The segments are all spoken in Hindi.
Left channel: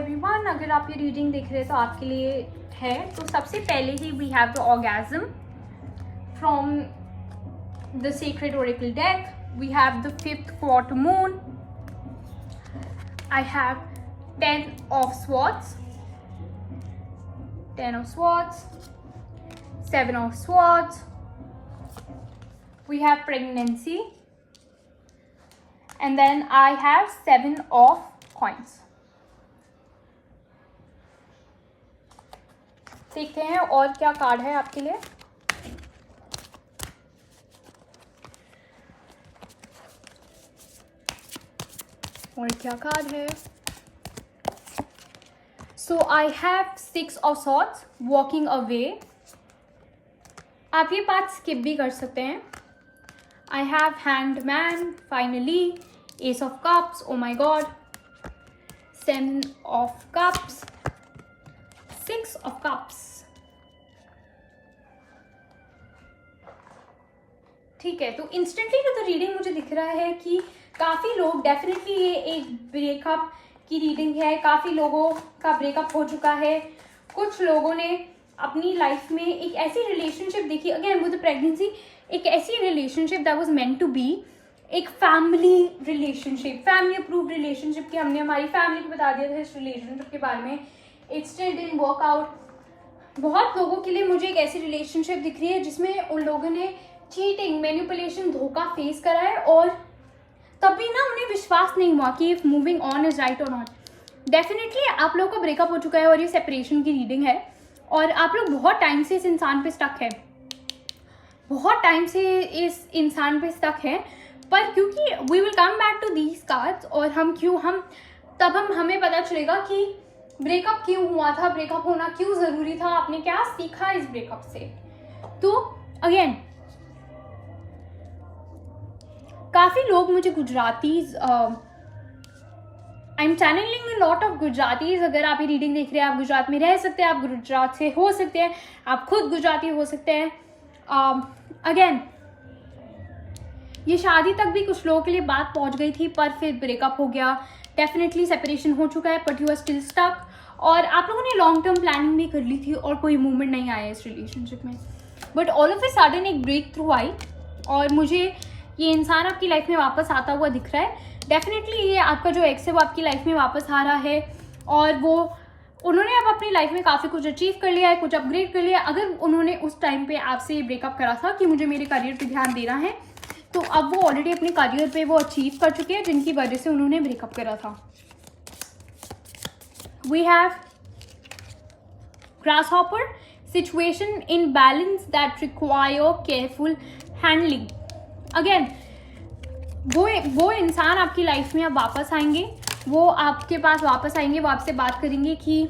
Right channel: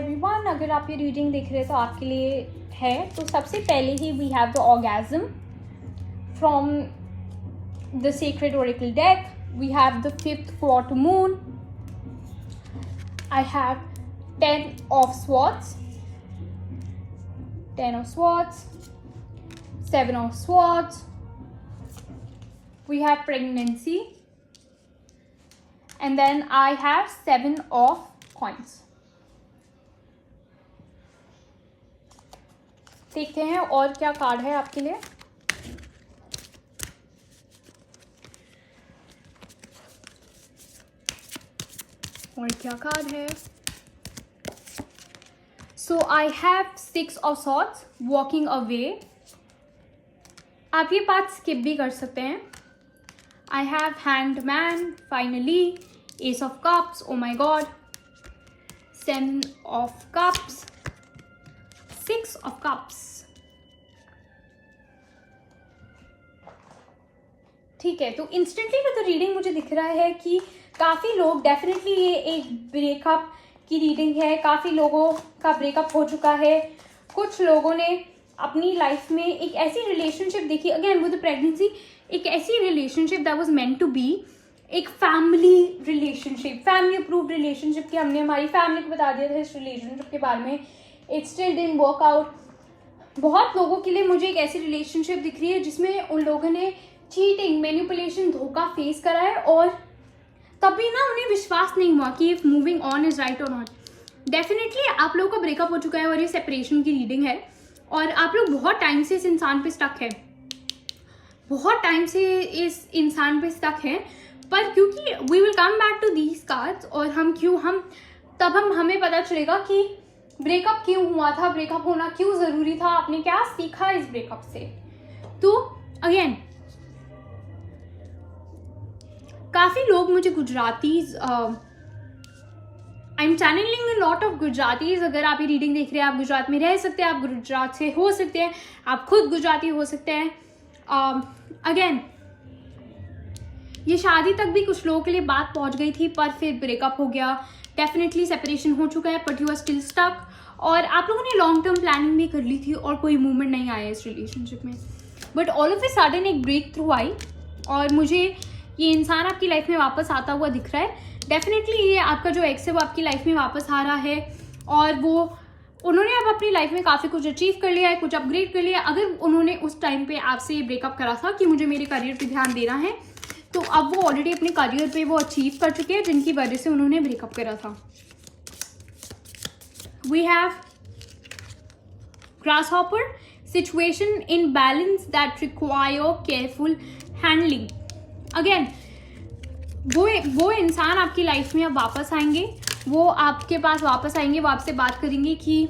एवरीवन, अगर आप ये रीडिंग देख रहे हैं तो आपके लिए है। तो सबसे पहले ही we have the orgasm from the secret oracle deck. We have the 5th quarter moon. I have 10 of swords, 10 of swords, 7 of swords. We have pregnancy, and then I have 7 of coins. देखते हैं और क्या कार्ड है आपके लिए। और क्या कार्ड है। So I have 6 of swords, walking away. आप ये बात स्किप भी कर सकते हैं। I have hanged man, finally, ace of cups, oh my god, 7 of cups, 6 of cups. ठीक है, तो इंस्टेंटली में तो रीडिंग मुझे दिख रहा है कि काफ़ी लोग डेफिनेटली ये एक ब्रेकअप की रीडिंग है। काफ़ी लोगों का ब्रेकअप हो चुका है। कुछ लोगों ने अपनी लाइफ में एक ऐसी रिलेशनशिप देखी, अगेन विद प्रेगनेंसी, एक ऐसी relationship that was meant to be, एक family relationship, family approved relationship की हमने हमारी फैमिली को बता दिया था इस रिलेशनशिप के बारे में। It still didn't work out. बहुत लोगों के लिए मुझे एक ऐसी रिलेशनशिप दिख रही है जिसमें उन लोगों ने चीटिंग, मैनिपुलेशन, धोखा फेस करा है और तभी ना उन्हें विश्वास नहीं हुआ कि if moving on is right और नॉट। डेफिनेटली आप लोगों का ब्रेकअप हो चुका है और ये सेपरेशन की रीडिंग है और आप लोग बहुत टाइम से इस इंसान पे स्टक है, बहुत टाइम से इस इंसान पे स्टक है। पर क्योंकि we will come back to these cards और हमें पता चलेगा कि ब्रेकअप क्यों हुआ था, ब्रेकअप होना क्यों जरूरी था, आपने क्या सीखा इस ब्रेकअप से। तो अगेन काफ़ी लोग मुझे Gujaratis, I am channelling a lot of Gujaratis. अगर आप ये रीडिंग देख रहे हैं, आप गुजरात में रह सकते हैं, आप गुजरात से हो सकते हैं, आप खुद गुजराती हो सकते हैं। अगेन ये शादी तक भी कुछ लोगों के लिए बात पहुंच गई थी पर फिर ब्रेकअप हो गया। डेफिनेटली सेपरेशन हो चुका है but you are still stuck. और आप लोगों ने लॉन्ग टर्म प्लानिंग भी कर ली थी और कोई मूवमेंट नहीं आया इस रिलेशनशिप में। But all of a sudden एक ब्रेक थ्रू आई और मुझे ये इंसान आपकी लाइफ में वापस आता हुआ दिख रहा है। डेफिनेटली ये आपका जो एक्स है वो आपकी लाइफ में वापस आ रहा है और उन्होंने अब अपनी लाइफ में काफ़ी कुछ अचीव कर लिया है, कुछ अपग्रेड कर लिया है। अगर उन्होंने उस टाइम पे आपसे ये ब्रेकअप करा था कि मुझे मेरे करियर पे ध्यान देना है, तो अब वो ऑलरेडी अपने करियर पे वो अचीव कर चुके हैं जिनकी वजह से उन्होंने ब्रेकअप करा था। We have grasshopper, situation in balance that require careful handling. Again वो इंसान आपकी लाइफ में अब वापस आएंगे, वो आपके पास वापस आएंगे, वो आपसे बात करेंगे कि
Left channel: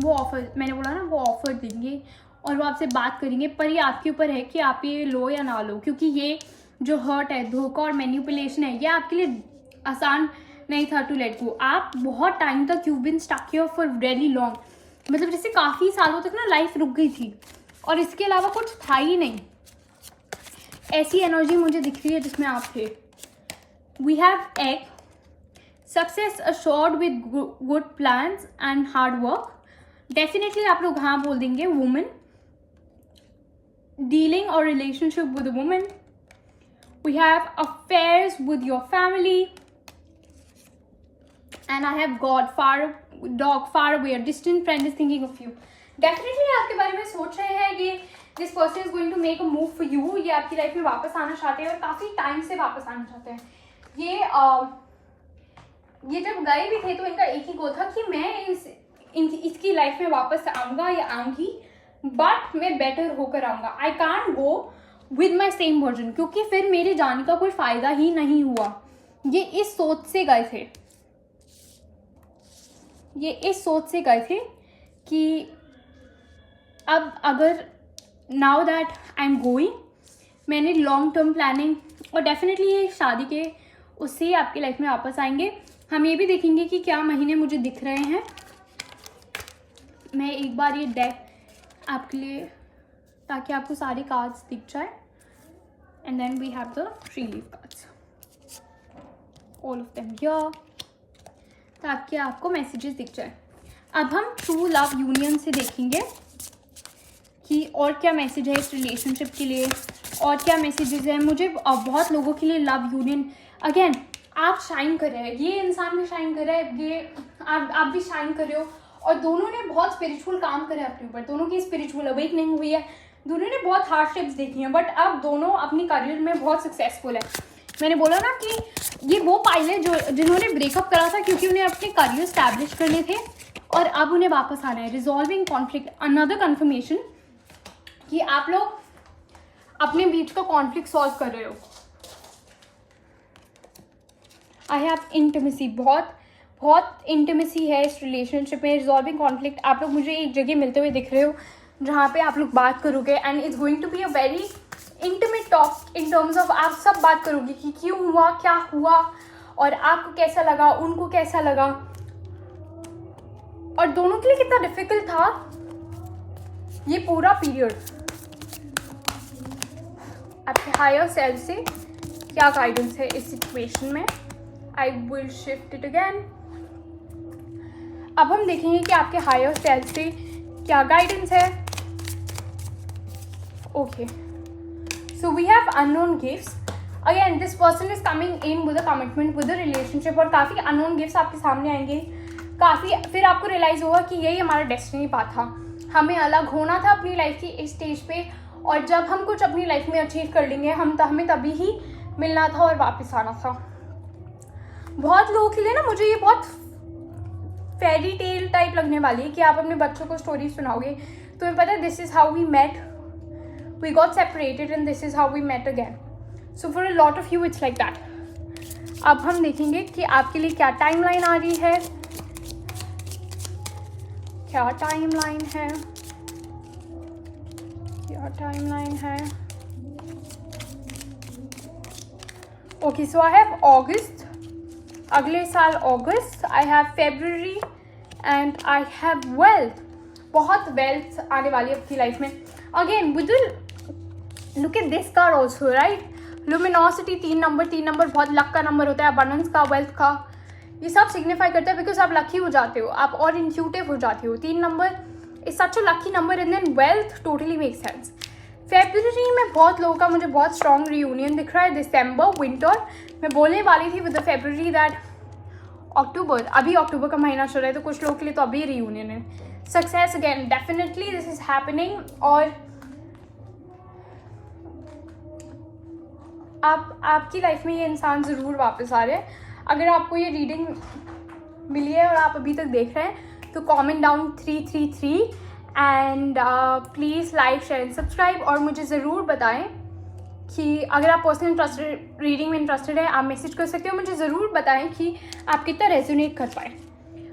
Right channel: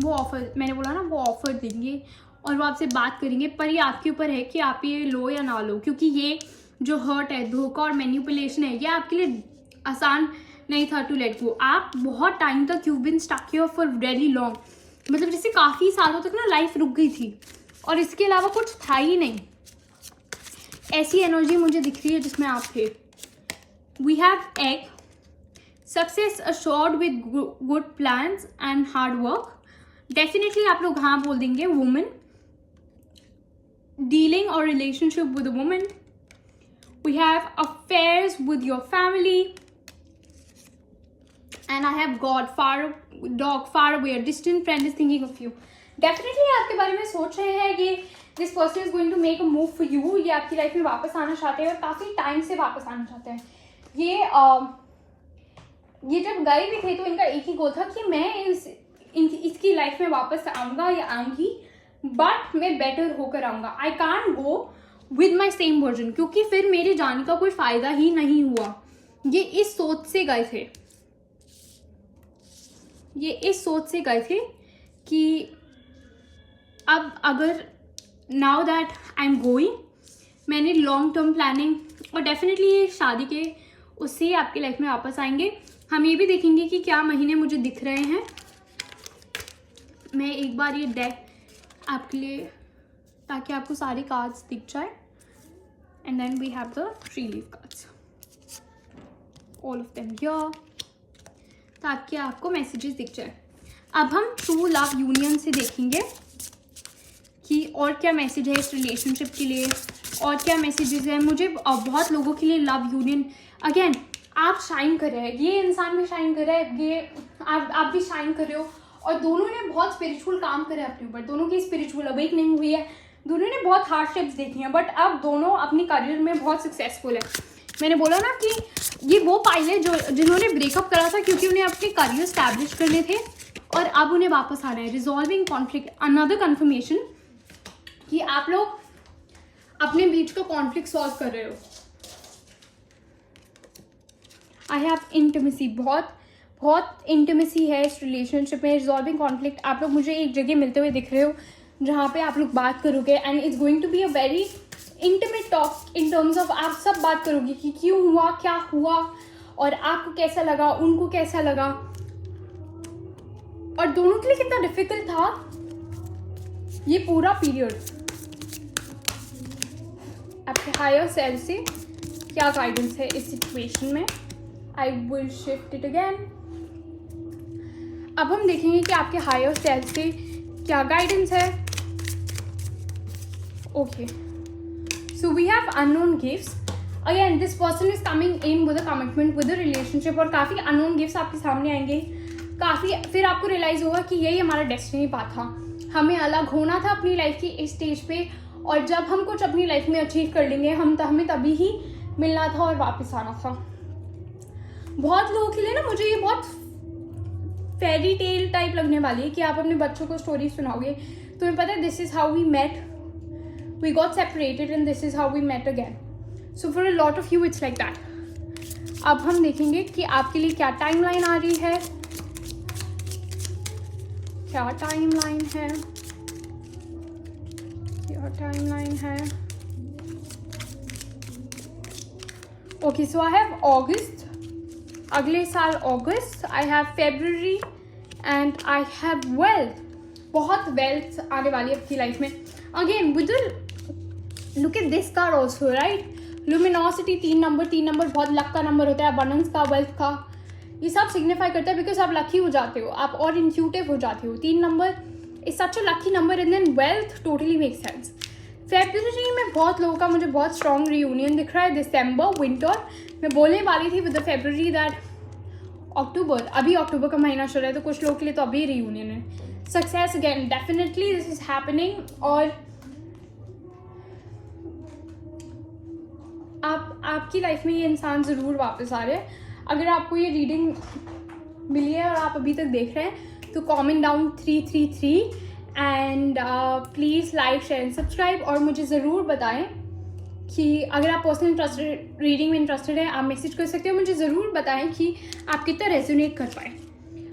वो ऑफर, मैंने बोला ना वो ऑफर देंगे और वो आपसे बात करेंगे। पर ये आपके ऊपर है कि आप ये लो या ना लो, क्योंकि ये जो हर्ट है, धोखा और मैनिपुलेशन है, ये आपके लिए आसान नहीं था टू लेट गो। आप बहुत टाइम तक you been stuck here for very long, मतलब जैसे काफ़ी सालों तक ना लाइफ रुक गई थी और इसके अलावा कुछ था ही नहीं। ऐसी एनर्जी मुझे दिख रही है जिसमें आप थे। We have egg, success assured with good plans and hard work. Definitely आप लोग हाँ बोल देंगे। वुमेन, डीलिंग और relationship with a women. We have affairs with your family and I have god, dog far away, distant friend is thinking of you. Definitely आपके बारे में सोच रहे हैं ये this person is going to make a move for you. ये आपकी लाइफ में वापस आना चाहते हैं और काफ़ी टाइम से वापस आना चाहते हैं। ये जब गए भी थे तो इनका एक ही गोल था कि मैं इसकी लाइफ में वापस आऊँगा या आऊँगी, बट मैं बेटर होकर आऊँगा। I can't go with my same version, क्योंकि फिर मेरे जाने का कोई फ़ायदा ही नहीं हुआ। ये इस सोच से गए थे, ये इस सोच से गए थे कि अब अगर now that I am going, मैंने लॉन्ग टर्म प्लानिंग और डेफिनेटली ये शादी के उससे ही आपकी लाइफ में वापस आएंगे। हम ये भी देखेंगे कि क्या महीने मुझे दिख रहे हैं। मैं एक बार ये डेक आपके लिए, ताकि आपको सारे कार्ड्स दिख जाए। And then we have the 3 leaf cards, all of them here. ताकि आपको मैसेजेस दिख जाए। अब हम ट्रू लव यूनियन से देखेंगे कि और क्या मैसेज है इस रिलेशनशिप के लिए, और क्या मैसेजेस हैं। मुझे बहुत लोगों के लिए लव यूनियन, अगेन आप शाइन कर रहे हैं, ये इंसान भी शाइन कर रहा है, ये आप भी शाइन कर रहे हो, और दोनों ने बहुत स्पिरिचुअल काम करा है अपने ऊपर, दोनों की स्पिरिचुअल अवेकनिंग हुई है, दोनों ने बहुत हार्डशिप्स देखी हैं, बट अब दोनों अपनी करियर में बहुत सक्सेसफुल है। मैंने बोला ना कि ये वो पायलट जिन्होंने ब्रेकअप करा था क्योंकि उन्हें अपने करियर स्टैब्लिश करने थे, और अब उन्हें वापस आना है। रिजॉल्विंग कॉन्फ्लिक्ट, अनदर कन्फर्मेशन कि आप लोग अपने बीच का कॉन्फ्लिक्ट सॉल्व कर रहे हो। आई हैव इंटीमेसी, बहुत इंटीमेसी है इस रिलेशनशिप में। रिजॉल्विंग कॉन्फ्लिक्ट, आप लोग मुझे एक जगह मिलते हुए दिख रहे हो जहाँ पे आप लोग बात करोगे, and it's going to be a very intimate talk in terms of आप सब बात करोगे कि क्यों हुआ, क्या हुआ, और आपको कैसा लगा, उनको कैसा लगा, और दोनों के लिए कितना डिफिकल्ट था ये पूरा पीरियड। आपके हायर सेल्फ से क्या गाइडेंस है इस सिचुएशन में। I will shift it again. अब हम देखेंगे कि आपके हायर सेल्फ से क्या गाइडेंस है। Okay, so we have unknown gifts. Again this person is coming in with a commitment, with a relationship, और काफ़ी अननोन गिफ्ट्स आपके सामने आएंगे। काफ़ी फिर आपको रियलाइज़ होगा कि यही हमारा डेस्टिनी पाथ था, हमें अलग होना था अपनी लाइफ की इस स्टेज पे, और जब हम कुछ अपनी लाइफ में अचीव कर लेंगे हमें तभी ही मिलना था और वापस आना था। बहुत लोगों के लिए ना मुझे ये बहुत फेरी टेल टाइप लगने वाली है कि आप अपने बच्चों को स्टोरी सुनाओगे, तुम्हें पता है this is how we met, we got separated and this is how we met again. So for a lot of you it's like that. अब हम देखेंगे कि आपके लिए क्या टाइमलाइन आ रही है, क्या टाइमलाइन है, क्या टाइमलाइन है। Okay, so I have August, अगले साल अगस्त, I have February and I have wealth. बहुत वेल्थ आने वाली है आपकी लाइफ में। Again with look at this card also, right, luminosity, 3 number बहुत लक का नंबर होता है, अबंडेंस का, वेल्थ का, ये सब सिग्निफाई करता है बिकॉज आप लकी हो जाते हो, आप और इंट्यूटिव हो जाते हो। 3 number is such a lucky number, and then wealth totally make sense. February में बहुत लोगों का मुझे बहुत स्ट्रॉन्ग रियूनियन दिख रहा है। दिसंबर विंटर, मैं बोलने वाली थी विद द फेब्रुअरी दैट अक्टूबर, अभी अक्टूबर का महीना चल रहा है तो कुछ लोगों के लिए तो अभी रियूनियन है। Success again, definitely this is happening, और आपकी लाइफ में ये इंसान ज़रूर वापस आ रहे हैं। अगर आपको ये रीडिंग मिली है और आप अभी तक देख रहे हैं तो comment down 333 and please like, share and subscribe, और मुझे ज़रूर बताएं कि अगर आप पर्सनल इंटरेस्टेड रीडिंग में इंटरेस्टेड है आप मैसेज कर सकते हो। मुझे ज़रूर बताएं कि आप कितना रेजोनेट कर पाए।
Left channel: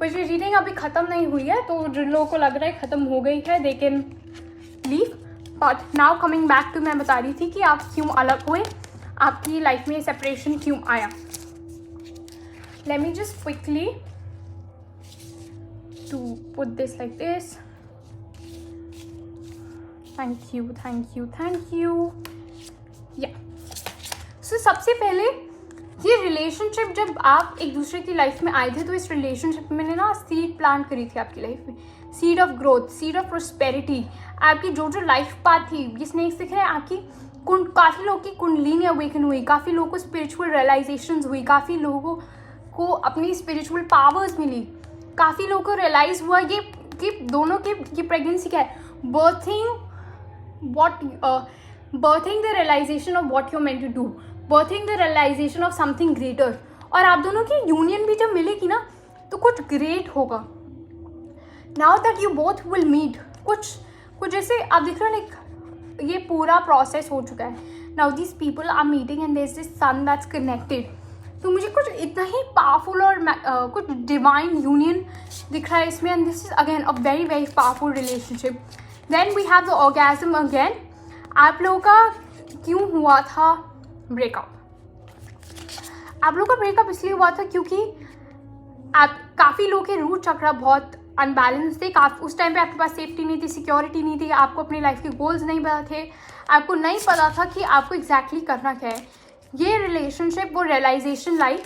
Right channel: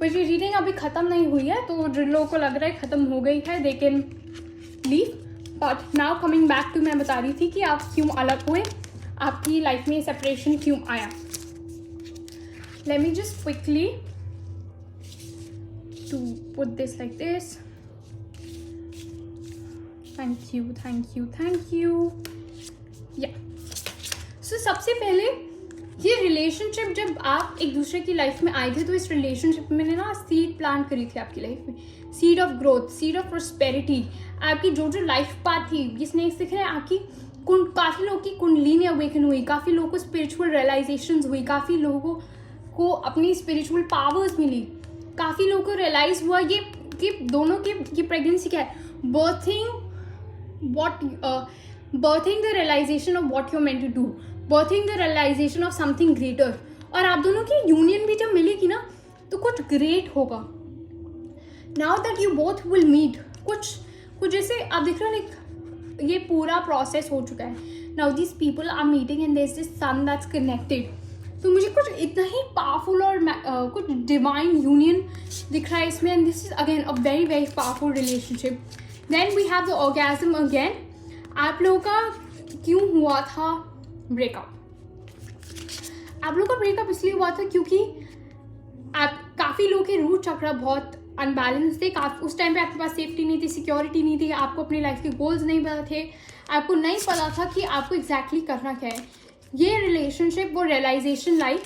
पर ये रीडिंग अभी ख़त्म नहीं हुई है, तो जिन लोगों को लग रहा है ख़त्म हो गई है they can leave, but now coming back to, मैं बता रही थी कि आप क्यों अलग हुए, आपकी लाइफ में सेपरेशन क्यों आया। Let me just quickly to put this like this. Thank you. Yeah. So सबसे पहले ये रिलेशनशिप, जब आप एक दूसरे की लाइफ में आए थे तो इस रिलेशनशिप में ना सीड प्लांट करी थी आपकी लाइफ में, seed of growth, seed of prosperity. आपकी जो लाइफ पाथ थी, ये स्नेक्स दिख रहे हैं आपकी, काफ़ी लोगों की कुंडलिनी अवेकन हुई, काफ़ी लोगों को स्पिरिचुअल रियलाइजेशंस हुई, काफ़ी लोगों को अपनी स्पिरिचुअल पावर्स मिली, काफ़ी लोगों को रियलाइज हुआ ये कि दोनों की प्रेगनेंसी क्या है, birthing the realisation of what you meant to do, birthing the realisation of something greater. और आप दोनों की यूनियन भी जब मिलेगी ना तो कुछ ग्रेट होगा। Now that you both will meet, कुछ जैसे आप देख रहे हो ये पूरा प्रोसेस हो चुका है। Now this people are meeting and there is this son that's connected. तो मुझे कुछ इतना ही पावरफुल और कुछ डिवाइन यूनियन दिख रहा है इसमें, and this is again a very very powerful relationship. Then we have the orgasm again. आप लोगों का क्यों हुआ था ब्रेकअप? आप लोगों का ब्रेकअप इसलिए हुआ था क्योंकि आप काफ़ी लोगों के रूट चक्रा बहुत अनबैलेंस थे। उस टाइम पे आपके पास सेफ्टी नहीं थी, सिक्योरिटी नहीं थी, आपको अपनी लाइफ के गोल्स नहीं पता थे, आपको नहीं पता था कि आपको एग्जैक्टली करना क्या है। ये रिलेशनशिप वो रियलाइजेशन लाई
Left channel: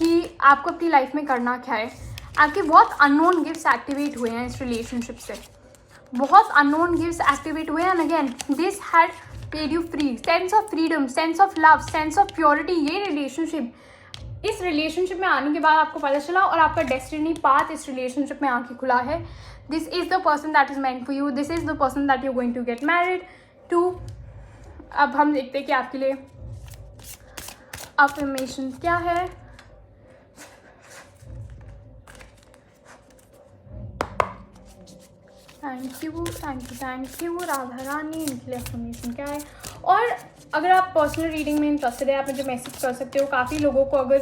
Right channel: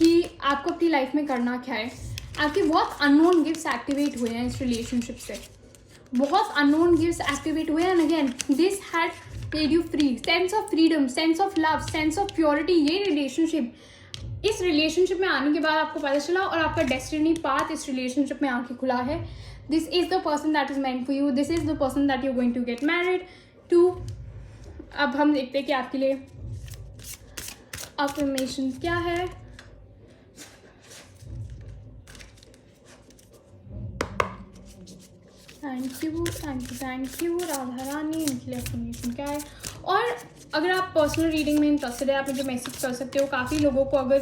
कि आपको अपनी लाइफ में करना क्या है। आपके बहुत अननोन गिफ्ट्स एक्टिवेट हुए हैं इस रिलेशनशिप से, बहुत अननोन गिफ्ट्स एक्टिवेट हुए हैं। And again this had made you free, sense of freedom, sense of love, sense of purity. ये रिलेशनशिप, इस रिलेशनशिप में आने के बाद आपको पता चला और आपका डेस्टिनी पाथ इस रिलेशनशिप में आके खुला है। This is the person that is meant for you, this is the person that you going to get married to. अब हम देखते हैं कि आपके लिए अफर्मेशन क्या है। Thank you thank you thank you Radha Rani. इनके लिए अफर्मेशन क्या है। और अगर आप पर्सनल रीडिंग में इंटरेस्टेड है, आप मुझे मैसेज कर सकते हो। काफ़ी लोगों को अगर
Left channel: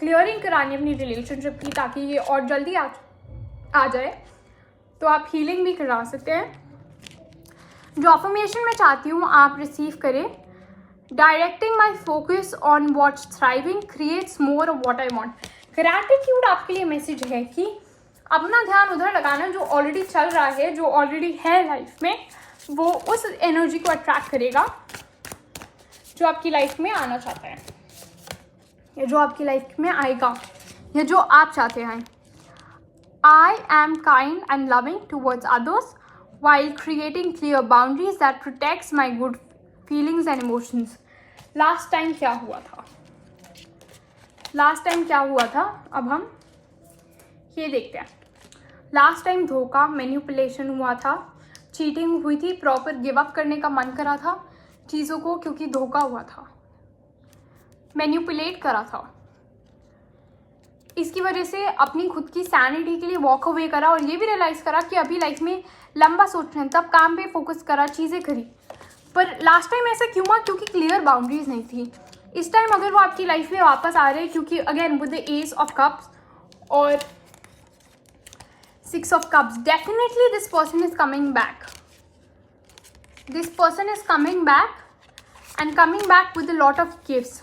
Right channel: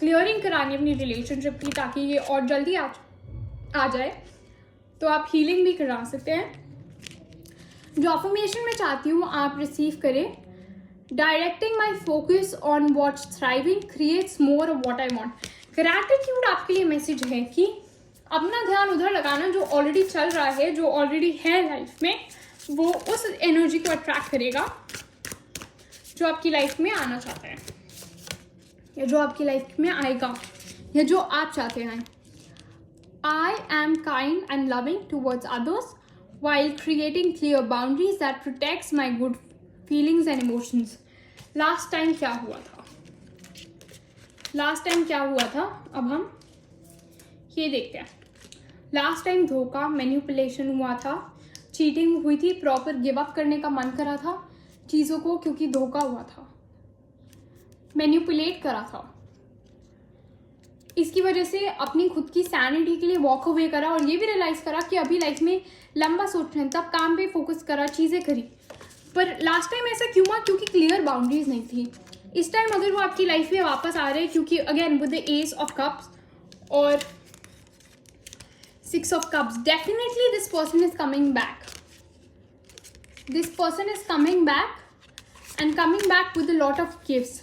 क्लियरिंग करानी अपनी रिलेशनशिप की ताकि ये और जल्दी आ जाए, तो आप हीलिंग भी करा सकते हैं। जो अफर्मेशन मैं चाहती हूँ आप रिसीव करें। Directing my focus on what's thriving creates more of what I want. Gratitude आपके लिए मैसेज है कि अपना ध्यान उधर लगाना जो ऑलरेडी चल रहा है, जो ऑलरेडी है लाइफ में, वो उस एनर्जी को अट्रैक्ट करेगा जो आपकी लाइफ में आना चाहता है या जो आपकी लाइफ में आएगा या जो आप चाहते हैं। I am kind and loving towards others while creating clear boundaries that protects my good feelings and emotions. Last time क्या हुआ था, लास्ट टाइम क्या हुआ था, अब हम ये देखते हैं। लास्ट टाइम धोखा, मैनिपुलेशन हुआ था, चीटिंग हुई थी, प्रॉपर गिव अप करने का मन करा था चीज़ों को क्योंकि धोखा हुआ था, मैनिपुलेट करा था। इसकी वजह से अपनी खुद की सैनिटी के लिए वॉक अवे करा और ये भी रियलाइज़ करा कि अभी लाइफ में लंबा सोच रहे हैं, तब काम पे फोकस करा, चीज़ें करी। पर लास्ट टाइम ऐसा क्यों हुआ? क्योंकि क्लियर बाउंड्रीज नहीं थी। इस टाइम अगर वो आपकी लाइफ में वापस आ रहे हैं, क्योंकि again with the S of cups और 6 of cups, definitely this person is coming back, this person is coming back and coming back with a lot of gifts.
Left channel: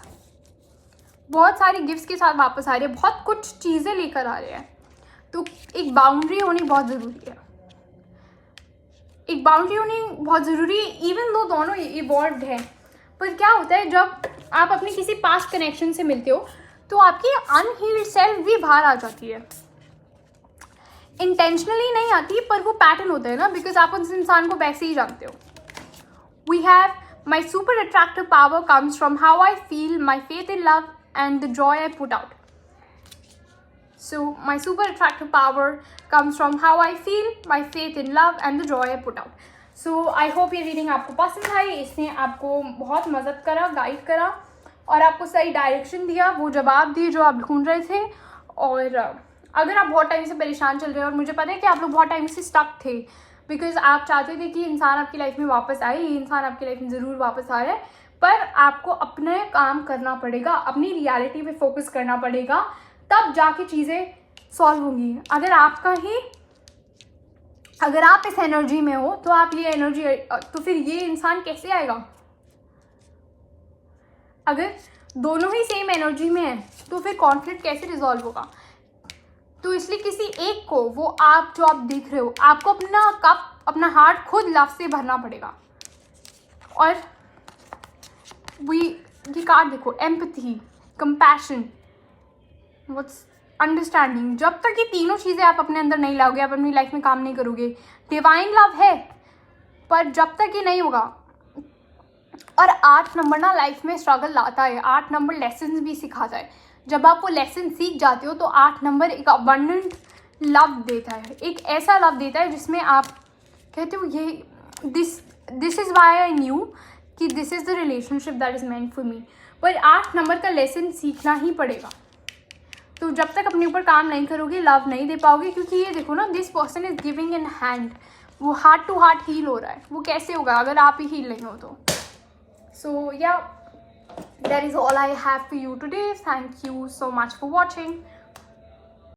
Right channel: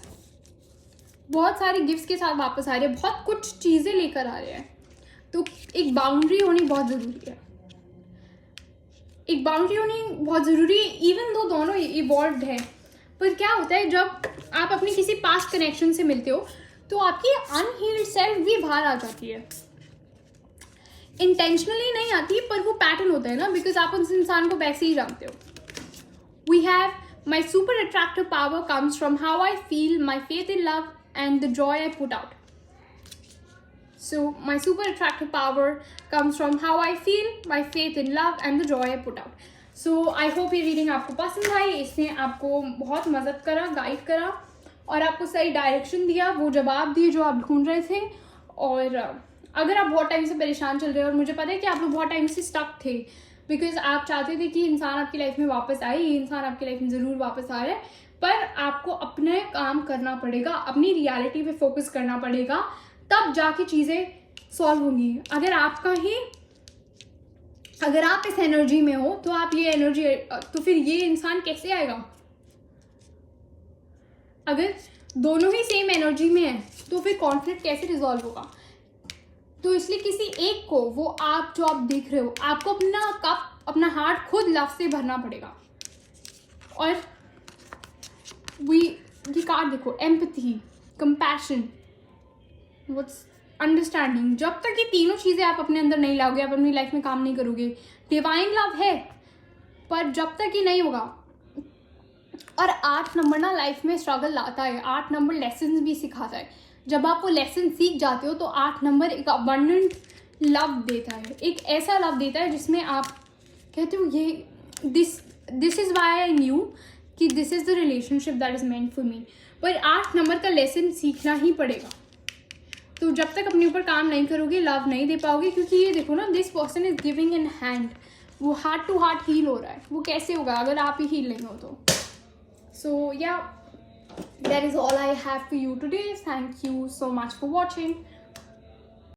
बहुत सारे गिफ्ट्स के साथ वापस आ रहे हैं, बहुत कुछ चीज़ें लेकर आ रहे हैं। तो एक बाउंड्री होनी बहुत ज़रूरी है, एक बाउंड्री होनी बहुत ज़रूरी है, इवन दो दोनों इवॉल्व्ड हैं। पर क्या होता है जब आप अपनी किसी पास्ट कनेक्शन से मिलते हो तो आपकी अनहील्ड सेल्फ भी बाहर आ जाती है। इंटेंशनली नहीं आती, पर वो पैटर्न होता है ना, बिकॉज आप उस इंसान को वैसे ही जानते हो। We have my super attractive power comes from how I feel, my faith in love and the joy I put out. So my super attractive power comes from how I feel, my faith in love and the joy I put out. So I hope ये रीडिंग आपको पसंद आई, इसने आपको बहुत मदद करा, गाइड करा और आपको सही डायरेक्शन दिया, वो जवाब दिए जो आप ढूंढ रहे थे। और अगर आप बहुत टाइम से परेशान चल रहे हो, और मुझे पता है कि आप लोग बहुत टाइम से स्टक थे बिकॉज आप चाहते थे कि इंसान आपकी लाइफ में वापस आए, ये इंसान आपकी लाइफ में ज़रूर वापस आ रहा है, पर आपको अपने काम करना पड़ेगा, अपनी रियलिटी पे फोकस करना पड़ेगा, तब जाके चीज़ें सॉल्व होंगी। अगर आप इस एनर्जी में हो तो आप ये एनर्जी, तो फिर ये इंसान कैसे आएगा? अगर दोनों ही सेम एनर्जी में है तो फिर कॉन्फ्लिक्ट कैसे रिजॉल्व होगा? तो इसलिए किसी एक को, वो आप जो आप देख रहे हो, आपको अपना कप, अपना हार्ट खुद लव से भरना पड़ेगा। और ये कार्ड देखो, एम्पैथी, कंपैशन, व्हाट्स अंडरस्टैंडिंग। जब तक ये तीनों चीज़ें आप अपने अंदर नहीं लाओगे, आप अपनी लाइफ में काम नहीं करोगे। डिवाइन लव है, पर जब तक ये नहीं होगा। और 8 नंबर ना लाइफ में स्ट्रगल लाता है, 8 नंबर लेसन भी सिखाता है। जब आप वो लेसन सीख जाते हो तो 8 नंबर एक अबंडेंट लव देता है, एक ऐसा लव देता है जिसमें आप कहते हो ये this is why I knew कि this is the relationship that is meant for me. पर 8 नंबर का लेसन सीखना ही पड़ेगा। तो जब तक अपने ऊपर काम नहीं करोगे, लव नहीं दे पाओगे। क्योंकि ये देखो ना, this person is giving in hand, वो हार्ट टू हार्ट हील हो रहा है। वो कैसे होगा अगर आप ही हील नहीं हो तो? सो या, that is all I have for you today. Thank you so much for watching.